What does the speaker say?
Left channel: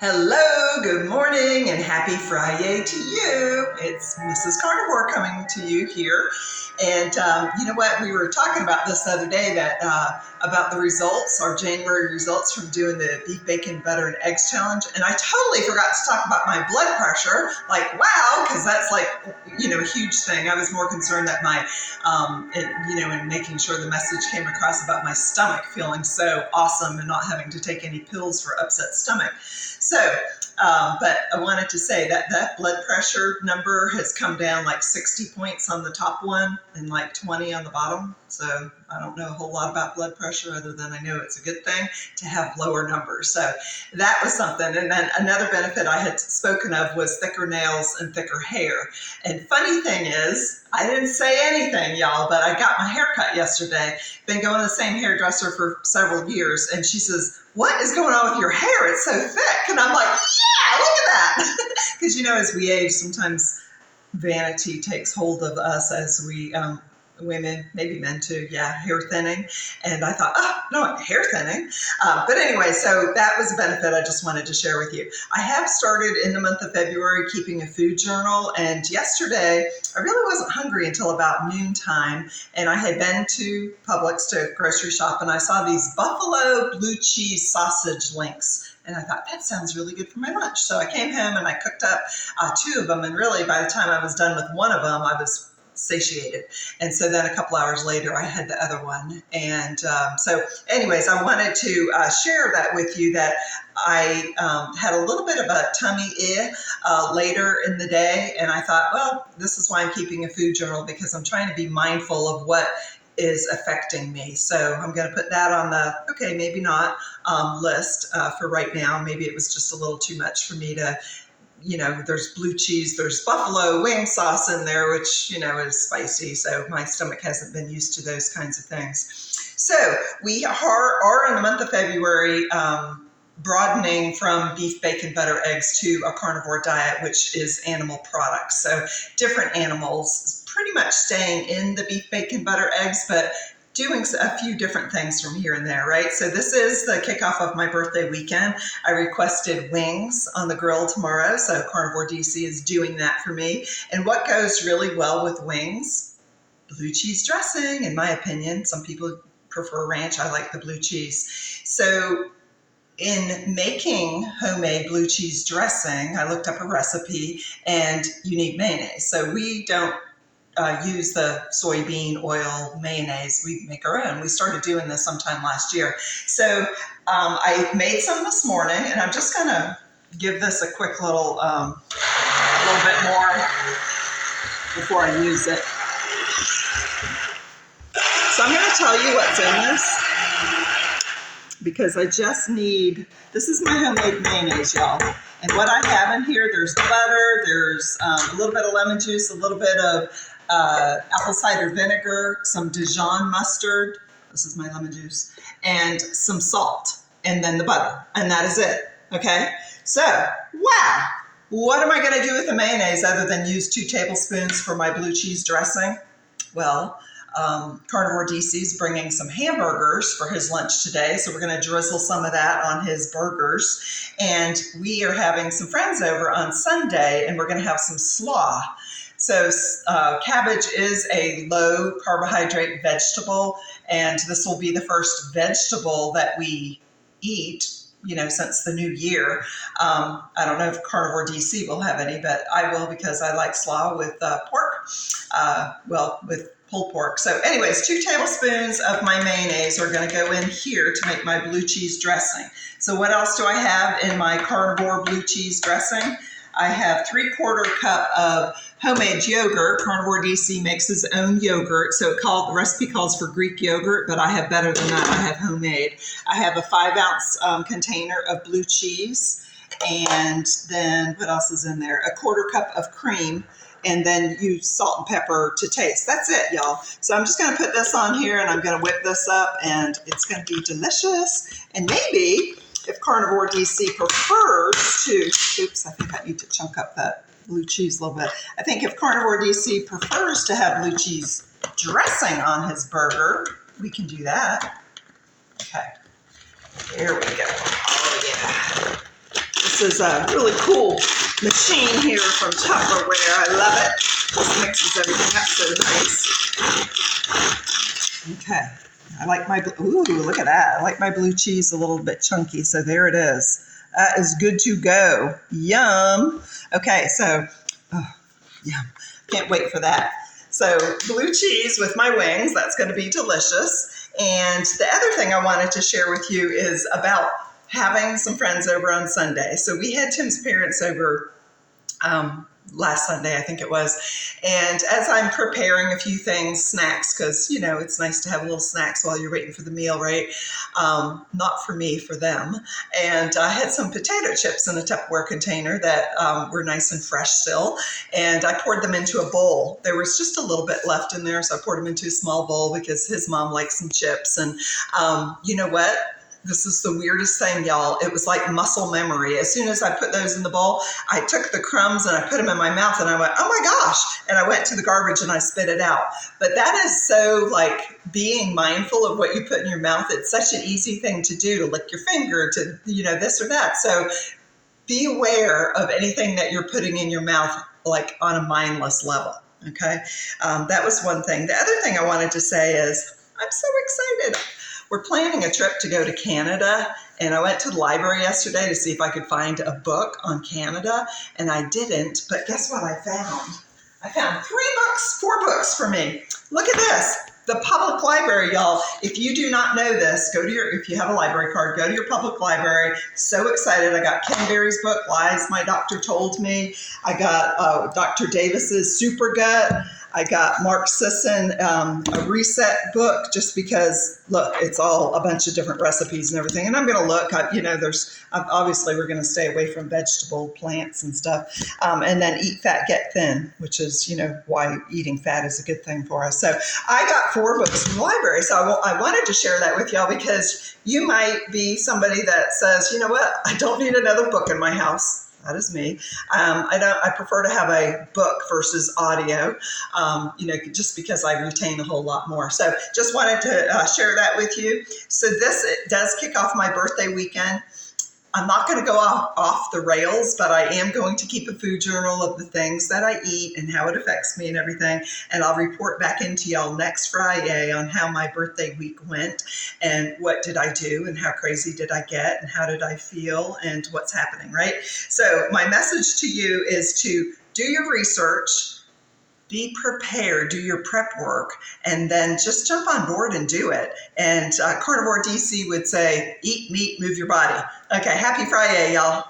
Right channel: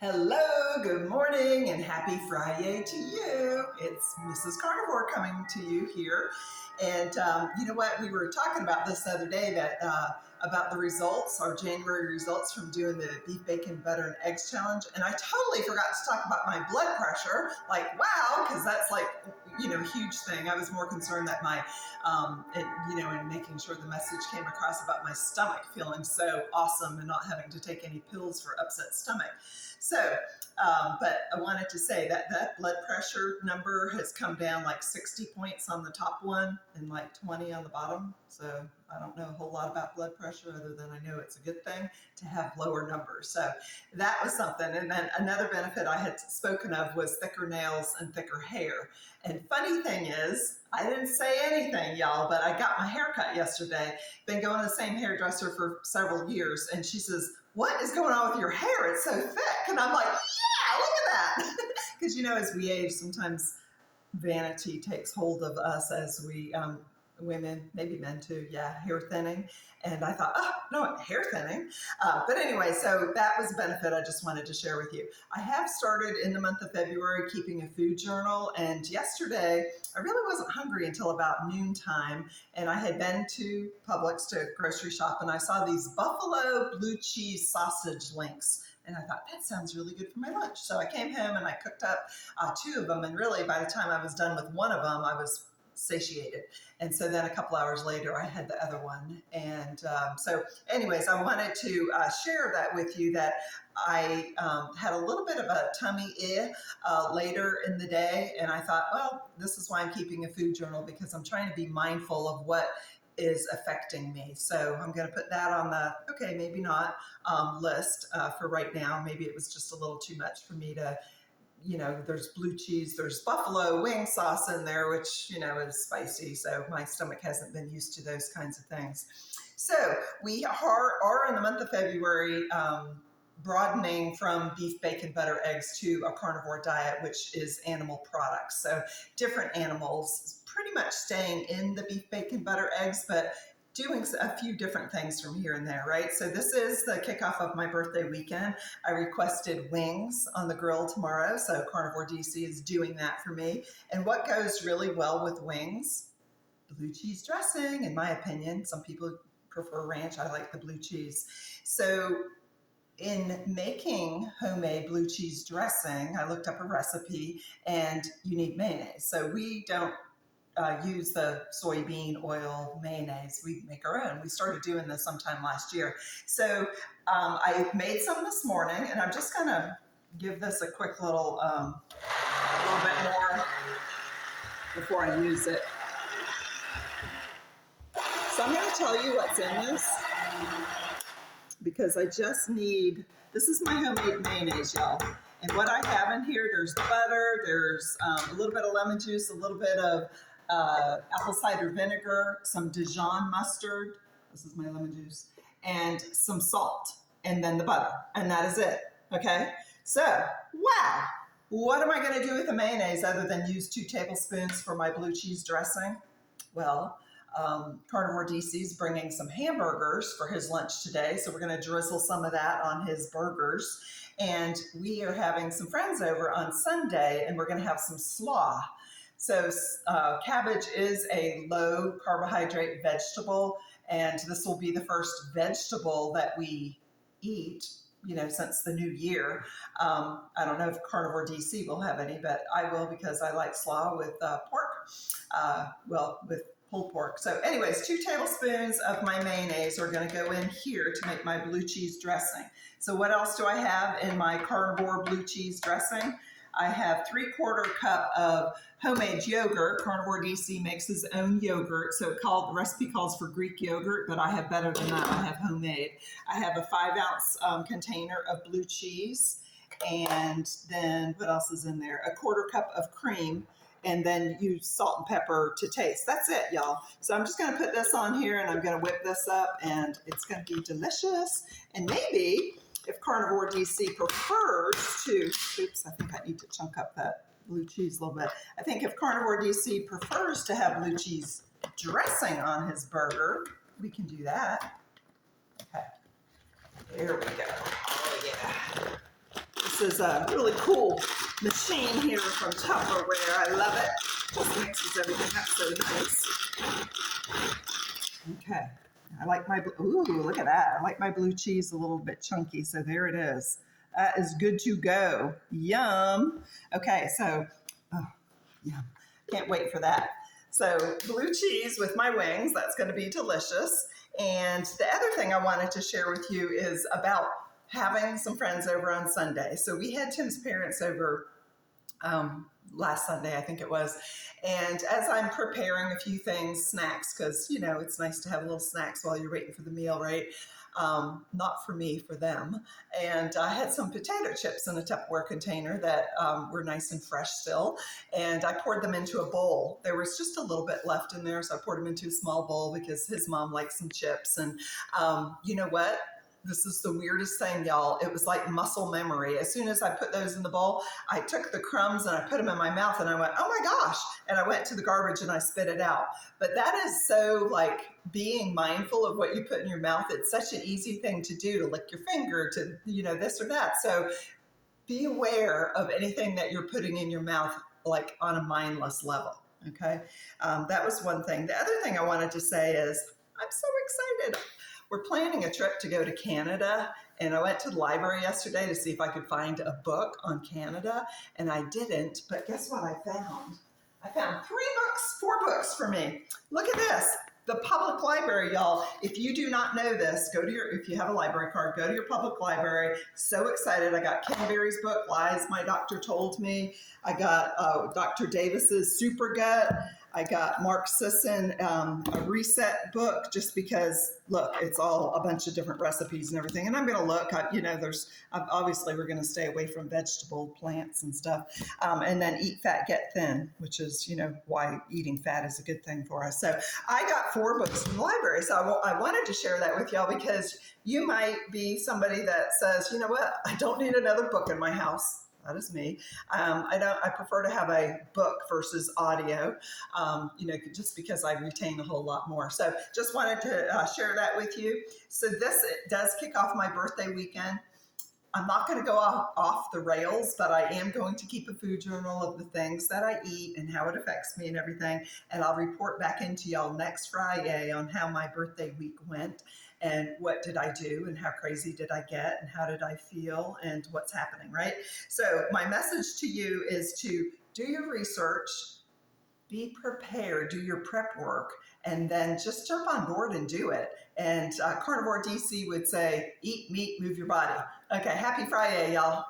Hello, good morning, and happy Friday to you. It's Mrs. Carnivore coming to you here. And you know what? We were talking about this the other day about the results, our January results from doing the beef, bacon, butter, and eggs challenge. And I totally forgot to talk about my blood pressure. Like, wow, because that's like, a huge thing. I was more concerned that my, in making sure the message came across about my stomach feeling so awesome and not having to take any pills for upset stomach. So, but I wanted to say that blood pressure number has come down like 60 points on the top one and like 20 on the bottom. So I don't know a whole lot about blood pressure other than I know it's a good thing to have lower numbers. So that was something. And then another benefit I had spoken of was thicker nails and thicker hair. And funny thing is, I didn't say anything, y'all, but I got my hair cut yesterday. Been going to the same hairdresser for several years. And she says, "What is going on with your hair? It's so thick." And I'm like, yeah, look at that. Because, as we age, sometimes vanity takes hold of us as we, women, maybe men too, hair thinning. And I thought, no, hair thinning. But anyway, so that was a benefit I just wanted to share with you. I have started in the month of February keeping a food journal. And yesterday, I really wasn't hungry until about noontime. And I had been to Publix to grocery shop, and I saw these buffalo blue cheese sausage links. And I thought, that sounds really good for my lunch. So I came home and I cooked up 2 of them. And really, by the time I was done with one of them, I was satiated. And so then a couple hours later, I had the other one. And so anyways, I wanted to share that with you, that I had a little bit of a tummy later in the day. And I thought, well, this is why I'm keeping a food journal, because I'm trying to be mindful of what is affecting me. So I'm going to put that on the, okay, maybe not list for right now. Maybe it was just a little too much for me to, there's blue cheese, there's buffalo wing sauce in there, which, is spicy. So my stomach hasn't been used to those kinds of things. So we are in the month of February, broadening from beef, bacon, butter, eggs to a carnivore diet, which is animal products. So different animals, pretty much staying in the beef, bacon, butter, eggs, but doing a few different things from here and there, right? So this is the kickoff of my birthday weekend. I requested wings on the grill tomorrow, so Carnivore DC is doing that for me. And what goes really well with wings? Blue cheese dressing, in my opinion. Some people prefer ranch. I like the blue cheese. So in making homemade blue cheese dressing, I looked up a recipe, and you need mayonnaise. So we don't use the soybean oil mayonnaise. We make our own. We started doing this sometime last year. So I made some this morning, and I'm just going to give this a quick little bit more before I use it. So I'm going to tell you what's in this, because I just need, this is my homemade mayonnaise, y'all. And what I have in here, there's butter, there's a little bit of lemon juice, a little bit of apple cider vinegar, some Dijon mustard, this is my lemon juice, and some salt, and then the butter, and that is it, okay? So, wow, what am I gonna do with the mayonnaise other than use 2 tablespoons for my blue cheese dressing? Well, Carnivore DC is bringing some hamburgers for his lunch today, so we're going to drizzle some of that on his burgers. And we are having some friends over on Sunday, and we're going to have some slaw. So cabbage is a low carbohydrate vegetable, and this will be the first vegetable that we eat, since the new year. I don't know if Carnivore DC will have any, but I will, because I like slaw with pork, with pulled pork. So anyways, 2 tablespoons of my mayonnaise are going to go in here to make my blue cheese dressing. So what else do I have in my carnivore blue cheese dressing? I have 3/4 cup of homemade yogurt. Carnivore DC makes his own yogurt. So the recipe calls for Greek yogurt, but I have better than that. I have homemade. I have a 5-ounce container of blue cheese. And then what else is in there? A 1/4 cup of cream. And then use salt and pepper to taste. That's it, y'all. So I'm just going to put this on here, and I'm going to whip this up, and it's going to be delicious. And maybe if Carnivore DC prefers to, oops, I think I need to chunk up that blue cheese a little bit. I think if Carnivore DC prefers to have blue cheese dressing on his burger, we can do that. Okay, here we go. Oh, yeah. This is a really cool machine here from Tupperware. I love it. This mixes everything up so nice. Okay. I like my, ooh, look at that. I like my blue cheese a little bit chunky. So there it is. That is good to go. Yum. Okay, so, oh, yum. Can't wait for that. So blue cheese with my wings, that's going to be delicious. And the other thing I wanted to share with you is about having some friends over on Sunday. So we had Tim's parents over last Sunday, I think it was. And as I'm preparing a few things, snacks, because, you know, it's nice to have little snacks while you're waiting for the meal, right? Not for me, for them. And I had some potato chips in a Tupperware container that were nice and fresh still. And I poured them into a bowl. There was just a little bit left in there, so I poured them into a small bowl because his mom likes some chips. And you know what? This is the weirdest thing, y'all. It was like muscle memory. As soon as I put those in the bowl, I took the crumbs and I put them in my mouth and I went, oh my gosh. And I went to the garbage and I spit it out. But that is so like being mindful of what you put in your mouth. It's such an easy thing to do, to lick your finger, to, you know, this or that. So be aware of anything that you're putting in your mouth, like on a mindless level. Okay. That was one thing. The other thing I wanted to say is I'm so excited. We're planning a trip to go to Canada, and I went to the library yesterday to see if I could find a book on Canada, and I didn't, but guess what I found? I found 4 books for me. Look at this. The public library, y'all. If you do not know this, if you have a library card, go to your public library. So excited. I got Ken Berry's book, Lies My Doctor Told Me. I got Dr. Davis's Super Gut. I got Mark Sisson, a reset book, just because, look, it's all a bunch of different recipes and everything. And I'm going to look, you know, obviously we're going to stay away from vegetable plants and stuff. And then Eat Fat, Get Thin, which is, you know, why eating fat is a good thing for us. So I got 4 books from the library. So I wanted to share that with y'all because you might be somebody that says, you know what, I don't need another book in my house. That is me. I prefer to have a book versus audio, you know, just because I retain a whole lot more. So just wanted to share that with you. So this does kick off my birthday weekend. I'm not going to go off the rails, but I am going to keep a food journal of the things that I eat and how it affects me and everything. And I'll report back into y'all next Friday on how my birthday week went and what did I do and how crazy did I get and how did I feel and what's happening, right? So my message to you is to do your research, be prepared, do your prep work, and then just jump on board and do it. And Carnivore DC would say, eat meat, move your body. Okay, happy Friday, y'all.